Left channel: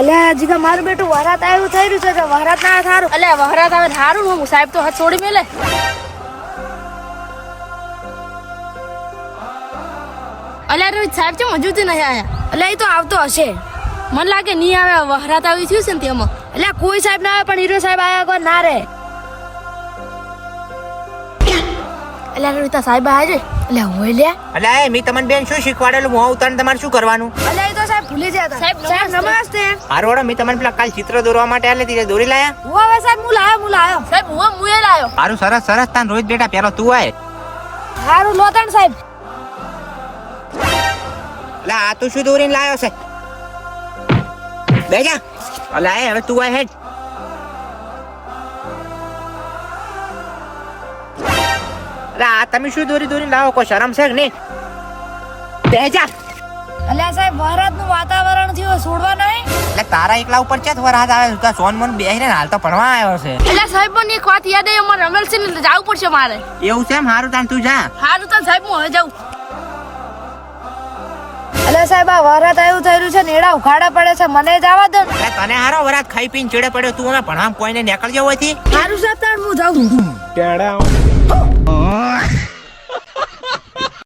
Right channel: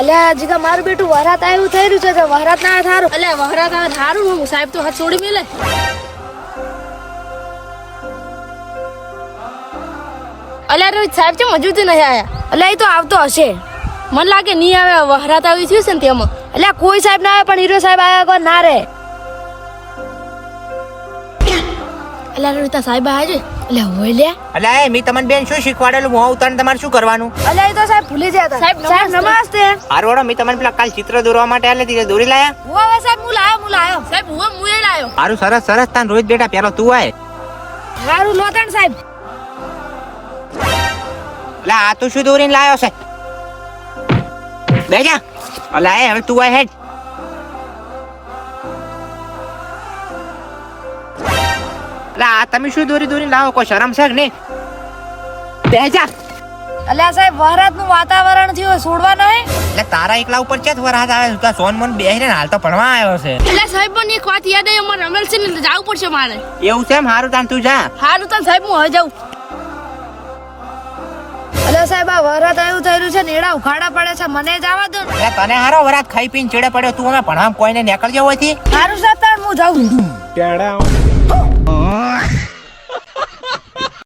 અલ્યા જીગા મારું બેટું વરાત આવ્યું થઈ રહ્યું છે કે વરાત ના થારું અલ્યા વરાત આવે થારું હું સાહેબ તો હાથ છોડી મેલે અલ્યા રોજ સાહેબ છે હજુ નહીં આયા અલ્યા એ તો આવતો હશે મને લાગે નહીં આવે વરાત આવી થયું છે ને તેમાં અલ્યા કોઈ સાહેબ ના આવે પણ હીરો સાહેબ આયા કોઈ ના રે અલ્યા રોહિતા સાહેબ આયા છે અલ્યા હોય લે અલ્યા એ મી તમને બેન શું શીખવાડેલું હું ઉતાર તમારે શું કરવાનું અલ્યા એ તો સાહેબ ભૂલી ગયા હતા સાહેબ નમસ્તે હારું મી તમને પેલા કાલ ચિત્ર દોરવા માટે આલે તી દોરી લાયા હું હવે સાહેબ હું લાયો સાહેબ હું લાયો હારું સરસ સરસ તાન રોહિત બેટા પેલો તું આય હારું લોતણ સાહેબ અલ્યા આ તું શું દોરીને લાયો છે બેજા અલ્યા હવે તું આય હેડ આ તમે શું દોરીને લાવો કોઈ શરમ છે કે નહીં બેજા અલ્યા સાહેબ વરાત નું વાતાવરણ થયું છોડવા નહીં એટલે તારા એકલા ઉપર ચેત વરસાદ આવે તું સોન મન બેહીને હાલ તો ભણવા આવ્યો છે અલ્યા સાહેબ મને એક વાત યાદ આવી અમારે રમેલ છે ને જવું પડશે મારે એવું છે હારું તાન તું જા હારું તાન સાહેબ હું હવે જાઉં અલ્યા સાહેબ આ વરાત આવ્યું થઈ રહ્યું છે નેડા ઉખાડા પડે છે મને જવા દો તને હારો વરાત ખાઈ પીને ચડે પડ્યો તું અમે ભણવા કોઈને નીકળજો હોયથી હારું સાહેબ હું જાઉં